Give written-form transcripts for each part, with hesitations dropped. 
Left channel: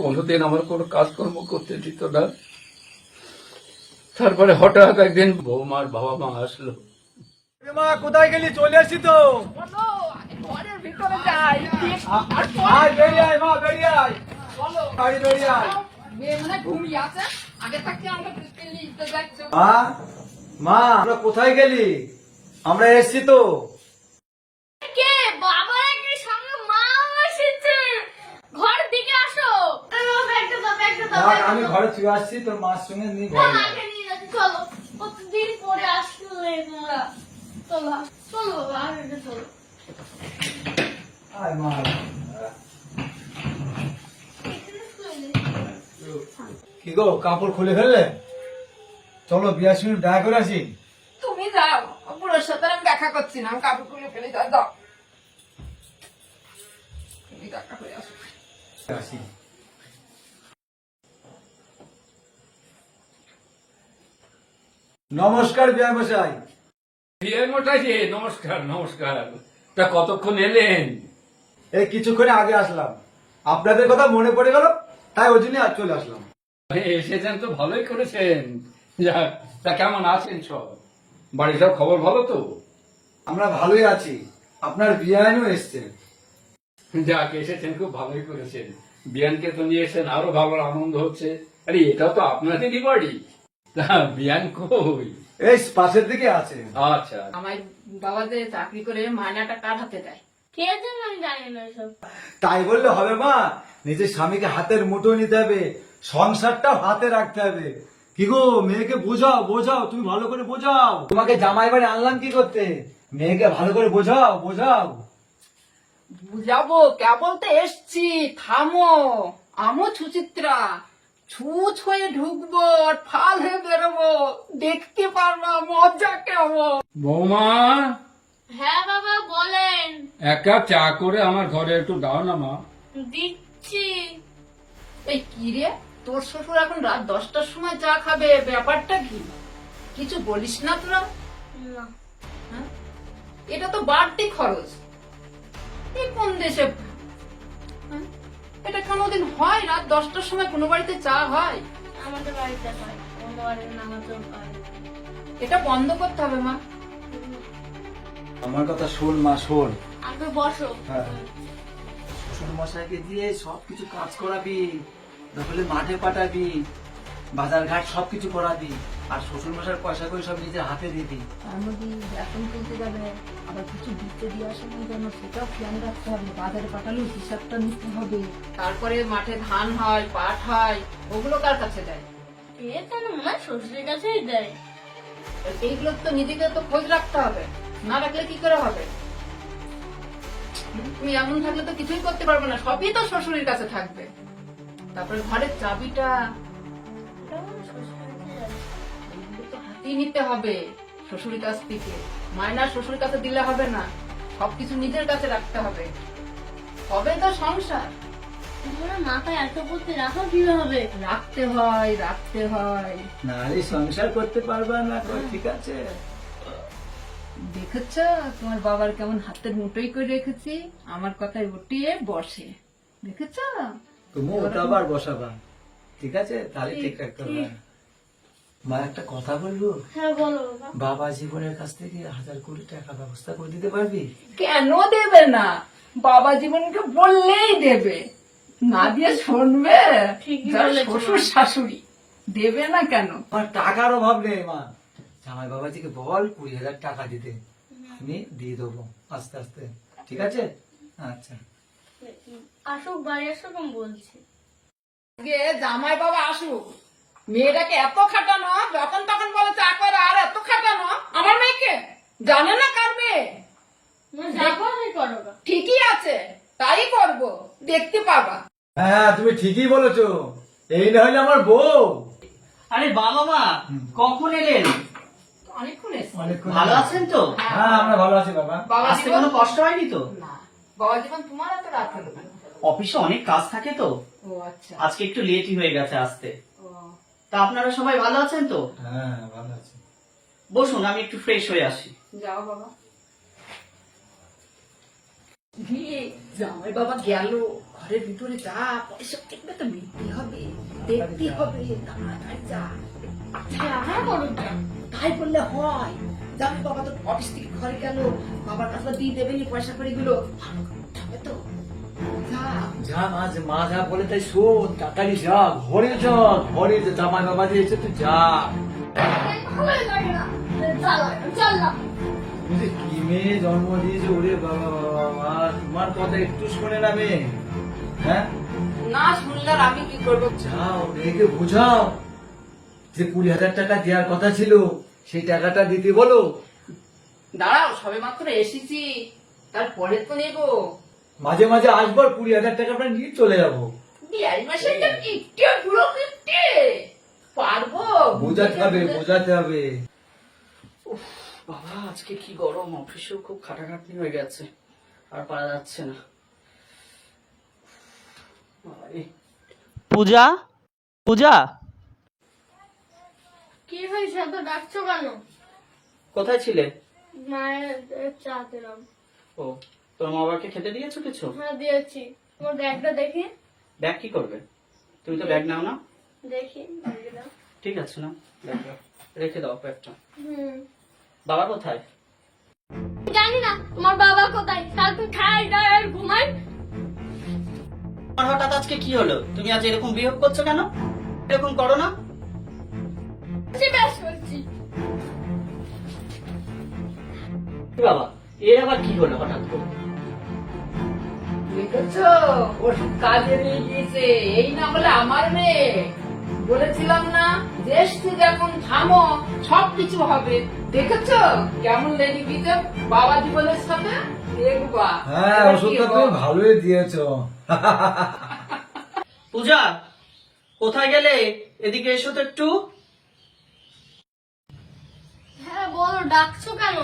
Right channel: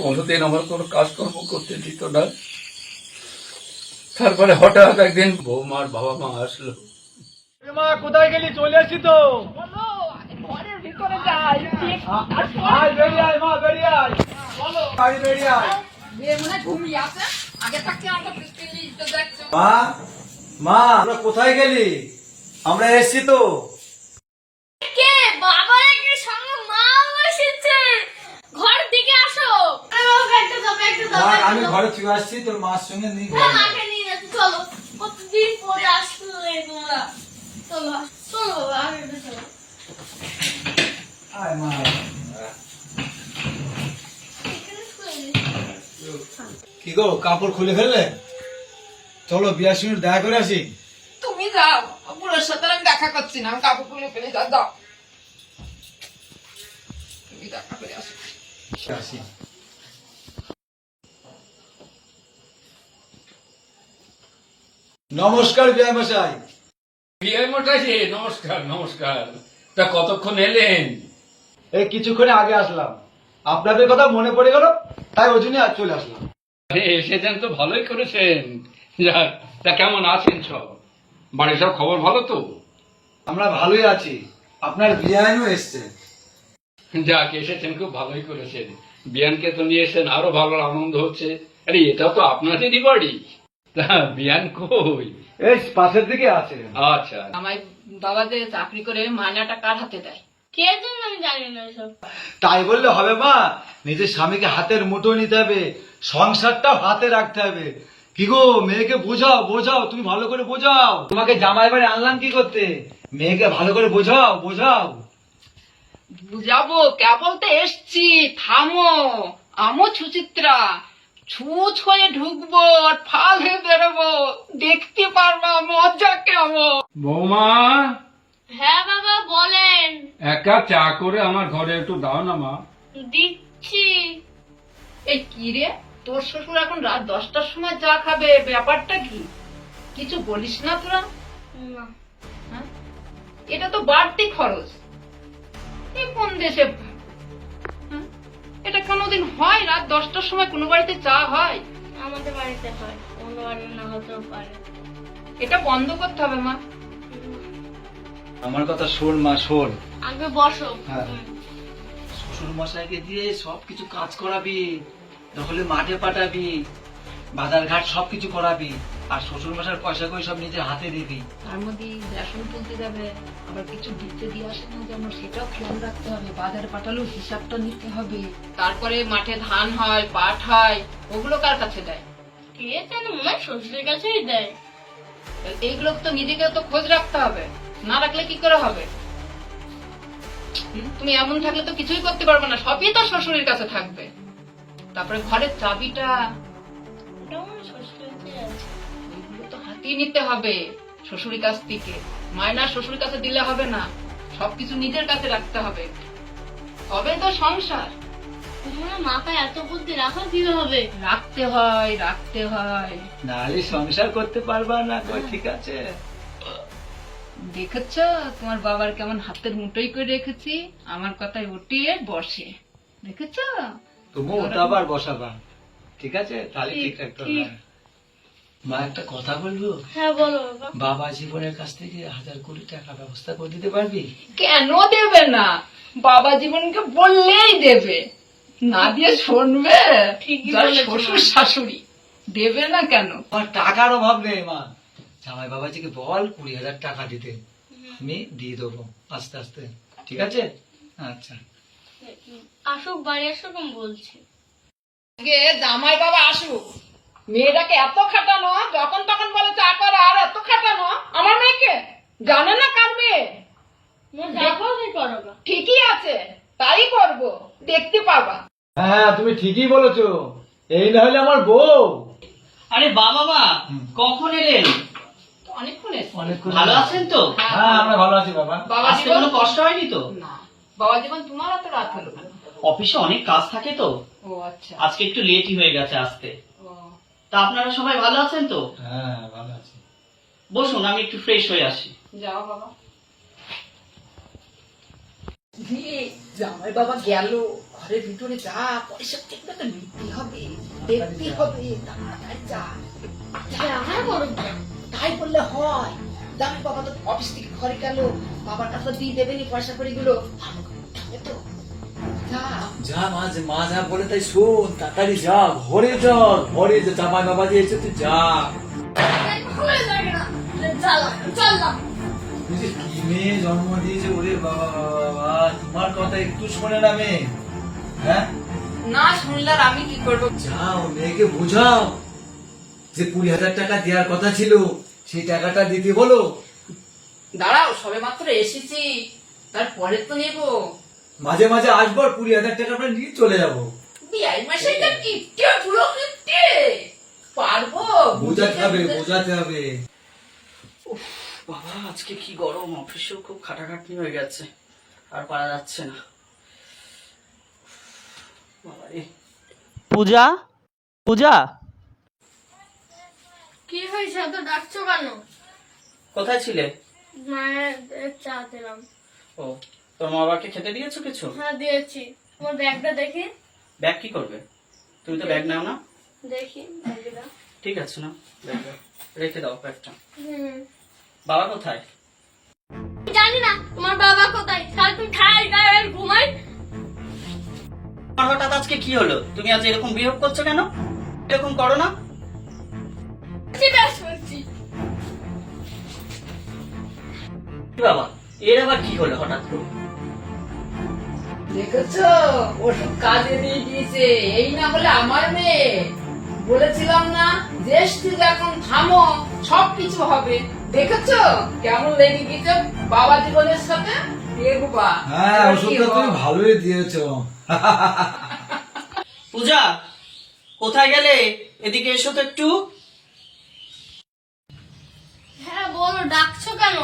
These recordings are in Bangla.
কোনোদিন আমার কোনো কাজকর্ম করতে দিত না। তারপরে হঠাৎ একদিন বৌমার বাবা মা আসলো। মা কোথায় গেলি? চলে আসি তো। ঘরের ভিতরে যাই আয় বেরিয়ে আয় মা, বেরিয়ে আয়, আয় বেরিয়ে আয়। মেয়ে মনে হয় ঘুমিয়ে আছে। আগে থাকতে আমরা দিতে যাচ্ছি। মা, মা আমরা কোথায় গেলি? আমরা এসছি তো। কে বাবা এর সঙ্গে মা এসেছে, ঘর দিকে আসো। আমি ঘরে চলে আসছি, তোর মার সঙ্গে নিয়ে ঘরে যাবো। মাকে নিয়ে যাচ্ছে, চলো। কতদিন পরে আসলে তোমরা। চলো চলো বাবা, আমি চলো। আয় মা। কি গো, কাপড় খুলে ফেললে? চলো বিয়ার সঙ্গে দেখা করে আসি। তুমি যাও, বুড়োর সাথে আমি দেখা করছি না, আমি কাপড় খুলে ফেলে দাও। তুমি দেখা করে আসো। আসি। নমস্কার বিয়া মশাই। বিয়ে মোটাছে, নমস্কার নমস্কার। তা কতক্ষণ এলেন? এই কিছুক্ষণ আগে আসলাম, আপনাদের কথা মনে পড়ে গেল, তাই ওই জন্য আজ চলে আসলাম। এসেছেন তো ভালোই করেছেন। যাক, তা কেমন আছেন সব? বাড়ির সব খবর ভালো তো? আমরা ভালোই আছি। আপনার বিয়ানও এসছে। যাক, এসেছেন, খুব ভালোই করেছেন। বিয়ানকে তো নিয়ে এসেছেন, আরো ভালো আনন্দ হচ্ছে। আরে এটাও তো আপনাদেরই বাড়ি। তা বিয়ান কই? এই পাশের দিকে আছে। আচ্ছা, আমার বাবা যে চাকরি করে মায়নাটা কার হাতে দেয়? কে জানে, আমি জানি না এসব। তাই বললে হবে মা? নিজের স্বামীকে হাতের মুঠো নিতে হবে, সংসারটাও হাতে রাখতে হবে। কি গো, মেয়েকে বোঝাও বোঝাও, তুমি ভালো করে বোঝাও। তোমাকে জামাই বাড়ি আনলাম কি করতে? মেয়েকে ভালো করে বোঝাও বোঝাও। বুঝাবো, কেবল তো এসছি, থামো। আমো সুচিত্রা, ছুঁচ হয়ে ঢুকবো আর ফাল হয়ে বেরোবো, দেখতে পারবা মজা কেমন। বৌমা, হ্যাঁ বাবা বলেন। এক কাপ চা করে আমার ঘরে একটু দাও না মা। দিচ্ছি। এই কি রে, তোর শ্বশুর এখন রাত 10টার সময় চা খাবে, ব্যাপারটা কি? কিছু বলিস না তোরা? না। হ্যাঁ? এটা তো বাড়তি খরচ। এই কোন দেশে? হ্যাঁ? এটা কোনোদিন হয়? রাত 10টার সময় কোনো বাড়িতে চা হয়? আমাদের বাড়িতে হয়, অন্য বাড়িতে না হতেও পারে। এটা বন্ধ করতে হবে মা। আমার কথা শোন মা, শোন। আগে বসো। হ্যাঁ। শ্বশুর মশাইকে দিয়ে সবকিছু কাজ করাবি, তাহলে মাঠে পাঠাবি, বাজার ঘাট সবকিছু করাবি, আর শ্বশুর মশাইয়ের পয়সা করে সব নিজের হাতে দিবি। তার মধ্যে রেশন তুলতে যাবে, আবার কিছু দিতে দিয়ে আসে না যেন, সেটাও খেয়াল রাখতে হবে। বাজারে পাঠালেও হিসাবটা নিতে হবে। তারপরে মাঠে ধান হয়, পাট হয়, ওগুলো কার কাছে দেয়? কে জানে, মনে হয় শ্বশুরের কাছেই দেয়। এইগুলো তো নিজেকে তো খোঁজ রাখতে হবে, না রাখলে কি করে হবে? তুমি এমন থাকলে তো কিছুই করতে পারবে না, সবই তো শ্বশুরের কাছে থাকবে। তারপরে ঘরের চাবিটা, ওটা মনে হয় শ্বশুরের কাছেই আছে। এগুলো তো হাতিয়ে নিতে হবে শ্বশুরের কাছ থেকে। মায়না শ্বশুরের কাছে দিলে হবে না, সবকিছু নিজের কাছে রাখতে হবে, তবে তো সংসার। তোমরা মাথায় এত বুদ্ধি রাখো কিভাবে? রাখতে হয়, রাখতে হয়। নাহলে সংসার করতে পারবা না। ঠিক আছে, দেখেছ তোমার বাবার কেমন হাতের মুঠোই করে রেখেছি, আমার কথায় উঠিয়ে বসে। দেখেছ? তুমি ওঠাবার বসাবা। ঠিক আছে, তাহলে ঠিক রাখতে হবে। মা একটা কথা বলবো? হ্যাঁ বলো বাবা। বাবা জীবনের কাছ থেকে 1000 কোটি টাকা ব্যবস্থা করে দিতে পারবি? কেন দেবে না? বাবা জীবনকে বললেই দেবে, না দিয়ে শুনবে? ঠিকই যার বলেছো, শ্বশুর মা। শাশুড়ি দেবে না কেন? আমার টাকার অভাব নেই মা, জামাই বাবাজিকে বল 20,000 টাকা দিতে, আমি দিয়ে দেবো আস্তে আস্তে। ঠিক আছে? আচ্ছা। আসুক, বাড়ি আসুক, আমি বলছি। আগে জামাই বাবা আসুক, মেয়েটাকে এত খাটানো, যখন তখন বলে চা করা, আর এত খাটানো আমার মেয়েকে। জানে না কার মেয়ে? যাবো আমি করো গা। ঠিকই আছে, তাই করব, দেখতে পারবা। হ্যাঁ তুমি ঠিকই বলেছো, এই না হলে আমার বউ। আরে বাবা মা, কখন এলেন? অনেকক্ষণ এসছে। অনেকক্ষণ ভালো আছেন তো? হ্যাঁ আমরা ভালো আছি বাবা। বাবা আসতে জীবন, কোনো কষ্ট হয়নি তো? না বাবা জীবন, তোমার এত রাত হলো কেন? অফিসে অনেক কাজ থাকে তো, ও আচ্ছা। আজকে একটু লেটই হয়ে গেছে আসতে। ও, তা আপনারা সবাই ভালো আছেন তো? হ্যাঁ ভালো আছি। বসুন, আমি একটু ফ্রেশ হয়ে আসি। যাও বাবা। জামাই বাবা গেল, ঘরের ভিতরে যা, পয়সা ঠিক মতো নিতে হবে, দেখতে হবে, তাড়াতাড়ি যা। হ্যাঁ বলো তাই বললে হয়? জামাই বাবা তো অফিস থেকে ঘরে গেল, বাবার কাছে তো দিয়ে দেবেনি পয়সা করে গুলো, তো যা। যা মা যা বলে তাই শোন, তাড়াতাড়ি যা, ঘরে যা, ঘরে যা, জামাই বাবা যে এসে তুই যা। ভালো লাগে না, চললাম। তুই যে কি মেয়ে জন্ম দিয়েছে, ওরে বাবা বাবা, তোমার কথা একটু শোনে না মেয়ে? হ্যাঁ, না শুনলে আর আমি কি করবো? যাও মেয়েকে বোঝাও যে 20,000 টাকা দেওয়ার কথা ছিল, সেই টাকাটা দিতে বলো। দাঁড়াও, সবে মাত্র এসেছি, তারপরে তো নেবো। মাঝে মাঝে আসবো, 20,000 টাকা আমরা নিয়ে চলে যাবো। বিয়াই মাসে এটা কিপটে, পুরো কিপটে। পারবো? বোঝাতে হবে। বাবা আজকে কি গরম, অফিসেও খুব খাটাখাটনি হয়ে গেছে, আর পারা যাচ্ছে না। বাবারে। পূজা, পূজা কি হয়েছে, এত ডাকছো কেন? কোথায় ছিলে? মায়ের চা দিলাম। ও, তোর মা বাবাকে খেতে দিয়েছো কিছু? হ্যাঁ দিয়েছি। তোমার ব্যাগটা দেখি। ব্যাগ কি করবে? তুমি তো ব্যাগ নাও না। দেখি ব্যাগটা। ঠিক আছে না, ব্যাগ দাও। রেখে দাও ব্যাগটা। বাবা কোথায়? জানি না তোমার বাবা কোথায়, সারাদিন খাই আর ঘুমাই। তোমার হঠাৎ আজকে কি হলো? তুমি আজ এরকম বিহেভ করছো কেন? এরকম করো না। ব্যাস করছি। কি বাবা, এর আবার কি হলো হঠাৎ করে? দেখেছো, ওষুধ কাজে দিয়ে দিয়েছে। এই না বলে আমার মেয়ে, বলেছিলাম না যে এসছি যখন থামো, সবকিছু হবে। দেখেছো কেমন লেগে গেছে বাবা জীবনের সাথে? দেখবা হ্যাঁ, এবার কি ওষুধটা হবে? তুমি ভালোই দিয়েছো। পূজা কোথায় গেলে? এদিকে এসো তো একটু। হ্যাঁ বলো, ডাকছো কেন?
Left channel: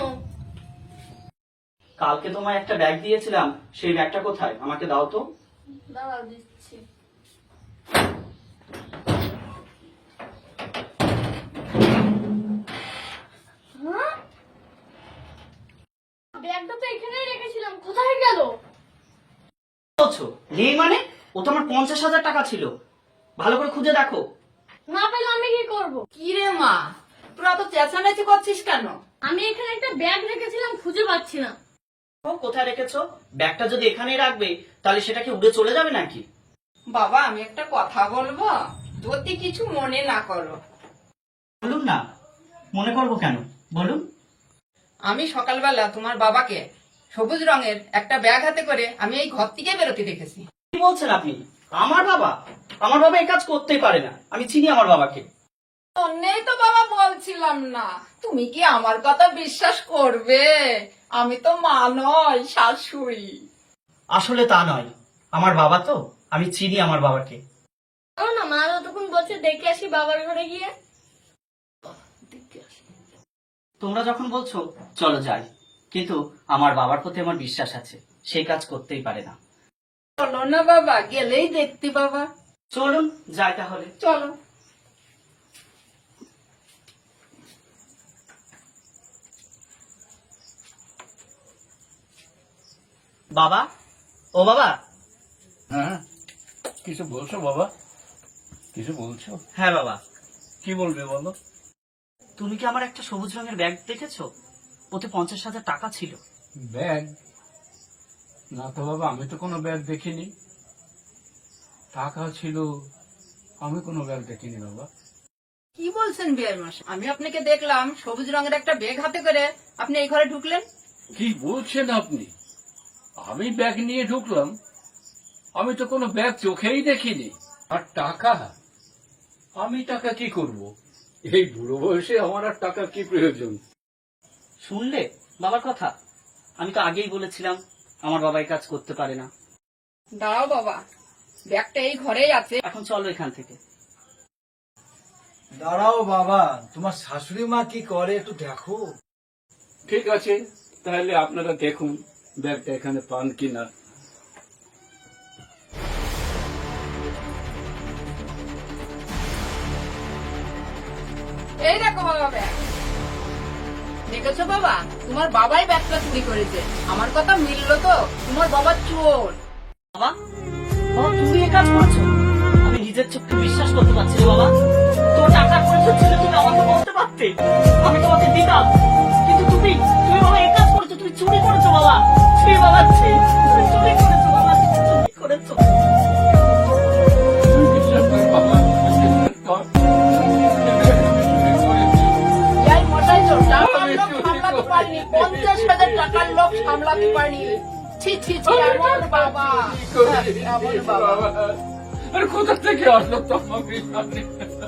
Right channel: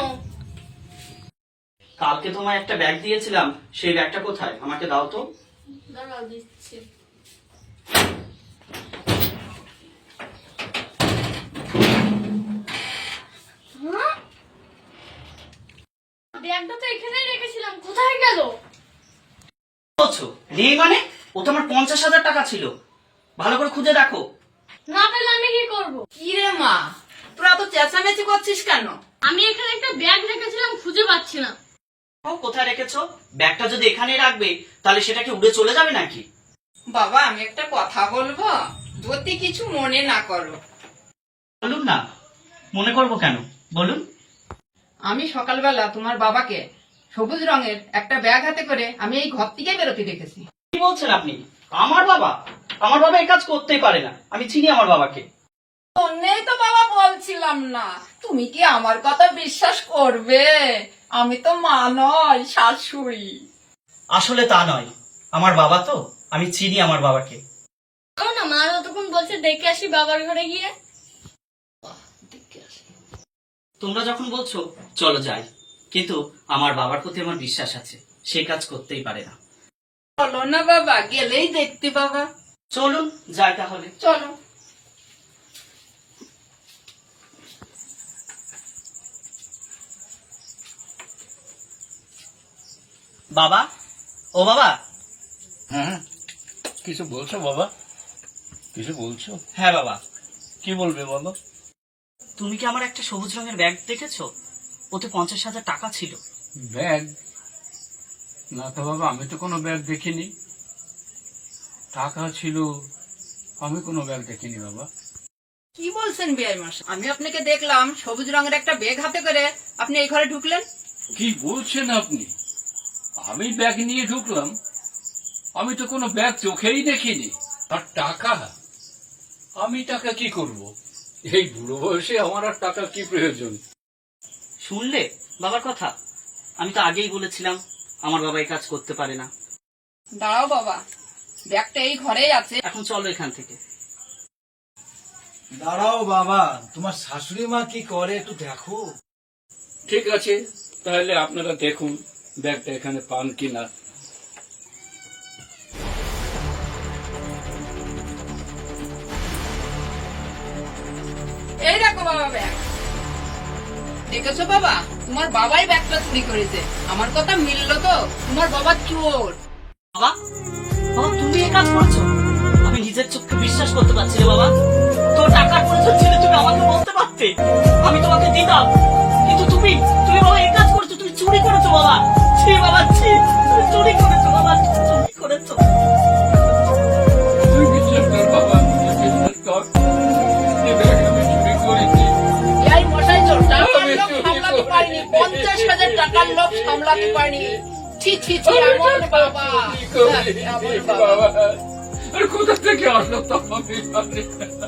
কালকে তোমার একটা ব্যাগ দিয়েছিলাম, সেই ব্যাগটা কোথায়? আমাকে দাও তো। দাঁড়াও দিচ্ছি। হ্যাঁ? ব্যাগটা তো এখানেই রেখেছিলাম, কোথায় গেল? বলছো নেই মানে? ও তো আমার 50,000 টাকা ছিল, ভালো করে খুঁজে দেখো। না পেলে আমি কি করব? কি রে মা, তোরা তো চেঁচামেচি করছিস কেন? আমি এখানে একটা ব্যাগ রেখেছিলাম, খুঁজে পাচ্ছি না। ও কোথায় রেখেছো? ব্যাগটা যদি এখানে রাখবে তাহলে সেটা কি উড়ে চলে যাবে নাকি? বাবা আমি একটা কথা বলবো, যদি কিছু মনে না করো। বলুন না, মনে করবো কেন, বলুন। আমি সকালবেলা তোমার বাবাকে সবুজ রঙের একটা ব্যাগ হাতে করে আমি এই ঘর থেকে বেরোতে দেখেছি। কি বলছেন আপনি? আমার বাবা? আমার বাবা এই কাজ করতেই পারে না, আমি চিনি আমার বাবাকে। অন্যই তো বাবা বলছিলাম না, তুমি কি আমার কথা বিশ্বাস করবে? আমি তো মা নয়, শাশুড়ি। আসলে তা নয়, আমার বাবা তো, আমি চিনি আমার বাবাকে। চলো না, মা যতক্ষণ বলছে দেখে আসি বাবার ঘরে গিয়ে। তোমরা যখন বলছো চলো যাই, কিন্তু আমার বাবার প্রতি আমার বিশ্বাস আছে, সে কাজ করতেই পারে না। বলো না বাবা, গেলেই দেখতে বাবা। চলুন যাই তাহলে। চলো। বাবা, ও বাবা। হ্যাঁ, কিছু বলছো বাবা? কিছু বলছো? হ্যাঁ বাবা। কি বলবে বলো? তুমি কি আমার একটা সবুজ রঙের ব্যাগ দেখেছো? ওতে 50,000 টাকা ছিল। ব্যাগ? না তো বাবা, আমি তো কোনো ব্যাগ দেখিনি। টাকা ছিল, আমি কোনো ব্যাগ দেখিনি বাবা। কি বলছেন বিয়াই মাস? আমি আপনাকে দেখলাম সবুজ রঙের একটা ব্যাগ হাতে করে আপনি এই ঘরে ঢুকলেন। কি বলছেন আপনি? আমি ব্যাগ নিয়ে ঢুকলাম? আমি তো কোনো ব্যাগ চোখেই দেখিনি। আর টাকা? আমি টাকা কি করব? এই বুড়ো বয়সে আমার আর টাকা কি প্রয়োজন? শুনলে বাবার কথা? আমি তো আগেই বলেছিলাম আমার বাবা এই কাজ করতে পারে না। দাঁড়াও বাবা, ব্যাগটা এই ঘরেই আছে। এখন চলো এখান থেকে। দাঁড়াও বাবা, তোমার শাশুড়ি মা কি করে একটু দেখো। ঠিক আছে, তাহলে আপনারা দেখুন ব্যাগটা এখানে পান কিনা। এই দেখো বাবা ব্যাগ। দেখেছো বাবা, তোমার বাবাই ব্যাগটা চুরি করেছে। আমার কথা মিললো তো? তোমার বাবা চোর। বাবা, বাবা তুমি এ কাজ করছো? আমি নিজের চোখকে বিশ্বাস করতে পারছি না বাবা। তোর টাকার প্রয়োজন ছিল, তুমি আমাকে বলতে পারতে, আমি তোমাকে দিতাম। কিন্তু তুমি তুমি বাবা এ কাজ করছো, তুমি চুরি করেছো বাবা। ছি বাবা, ছি, তুমি চুরি করেছো বাবা, চুরি করেছো। তুই বিশ্বাস কর বাবা, তুই বিশ্বাস কর। এই ব্যাগ আমি চুরি করেছি। এই মশাই চোর, টাকার আমি লোভ চুরি সামলাতে করেছি। পারিনি, 50,000 টাকার লোভ সামলাতে পারিনি। ছি ছি ছি, এমন বাবা, এমন বাবা। আর কোথা থেকে আসলো তো আমি জানি না।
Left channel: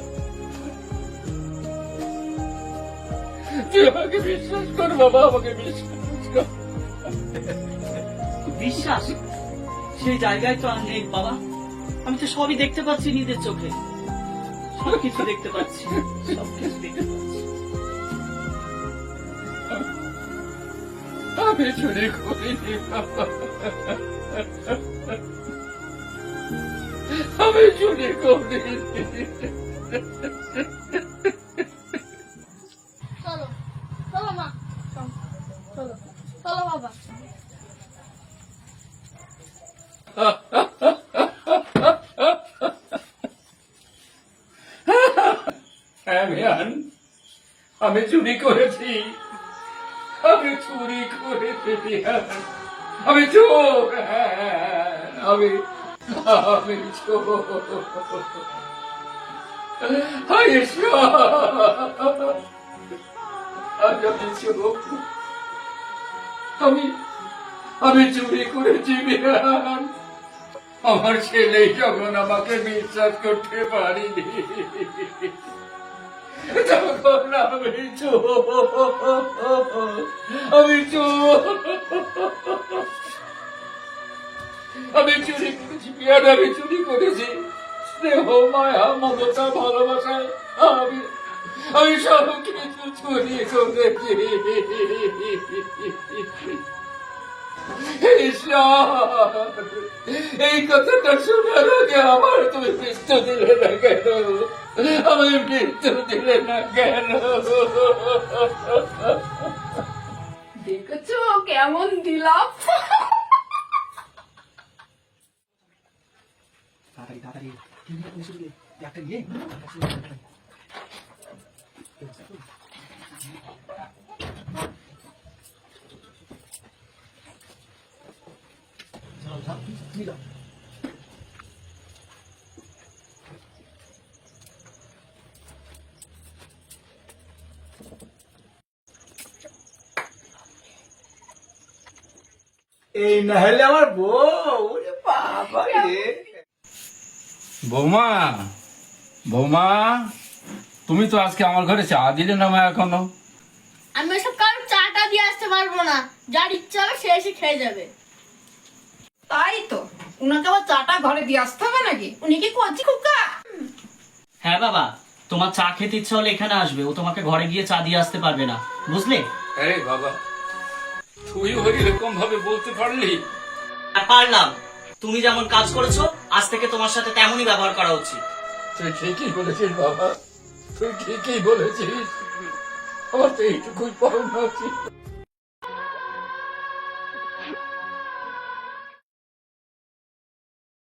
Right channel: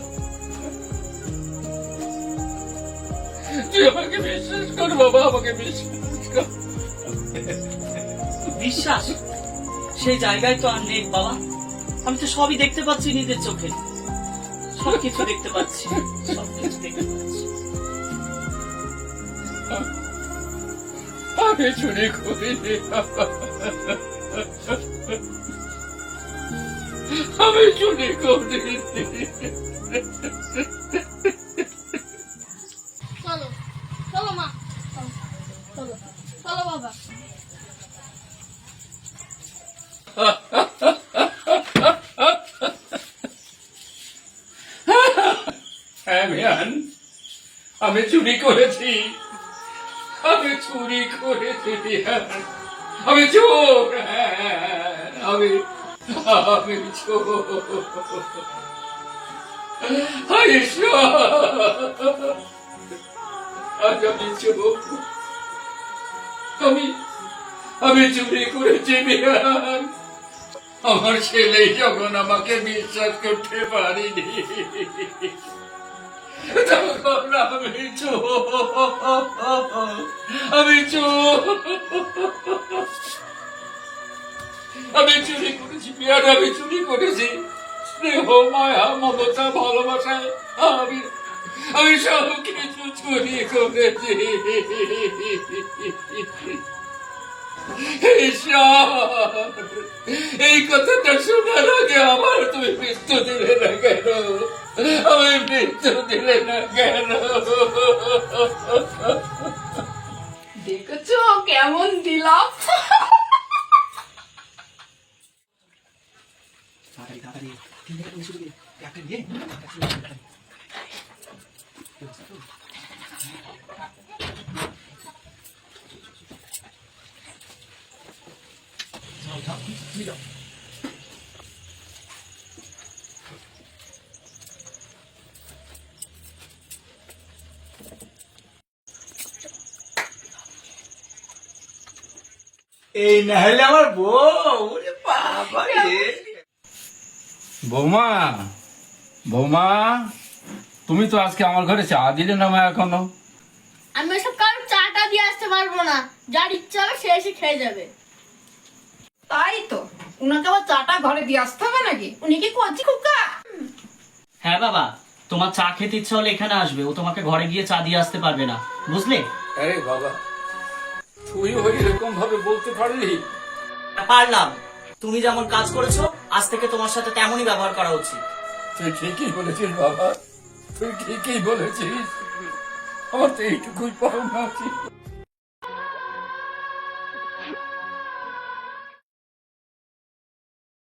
তুই আমাকে বিশ্বাস কর বাবা, আমাকে বিশ্বাস কর। বিশ্বাস সেই জায়গায় তো আর নেই বাবা। আমি তো সবই দেখতে পাচ্ছি নিজের চোখে, সবকিছু দেখতে পাচ্ছি, সবকিছু দেখতে পাচ্ছি। আমি চুরি করিনি বাবা। আমি চুরি করিনি। চলো চলো মা, চলো চলো বাবা। হ্যাঁ মিয়ান, আমি চুরি করেছি, আমি চুরি করেছি মিয়ান। আমি চোর, আমি আমি চোর। হায় ঈশ্বর, আজ আমি চোর। আমি চুরি করেছি মিয়ান। আমার ছেলে যখন আমাকে বিশ্বাস করতে পারিনি, তখন আমি চোর, আমি চোর। আমি চুরি করেছি বিয়ার, আমি চুরি করেছি। স্নেহ, মায়া, মমতা, ভালোবাসায় আমি আমি সব কিছু চুরি করেছি। ঈশ্বর, এই কথাটা শোনার আগে আমার তুমি মৃত্যু দিলে না কেন? আমি মৃত্যু দিলে না কেন? দেখেছো কেমন দিলাম? এই না হলে আমার বউ, ওরে বাবা রে। বৌমা, বৌমা, তুমি তো আজকে আমার ঘরে চা দিলে না মা এখনো। আমি ওসব কারণ চাটা দিয়ে আসতে পারবো না, যার ইচ্ছা হবে সে এসে খেয়ে যাবে। তাই তো, উনাকে আবার চাটা ঘরে দিয়ে আসতে হবে নাকি? উনি কি কচি কুকা? হ্যাঁ বাবা, তোমার চা খেতে ইচ্ছা হলে এখানে আসবে, ও তোমাকে ঘরে গিয়ে চা দিয়ে আসতে পারবে না, বুঝলে? আরে বাবা, তুই ওই এরকম ভাবে বলতে পারলি? আর পারলাম। তুমি যেমন কাজ করেছো, আজ থেকে তোমার সাথে তেমনই ব্যবহার করা উচিত। তুই ঠিকই বলেছিস বাবা, তুই ঠিকই বলেছিস। আমার তো এইটুকুই পাওনা উচিত।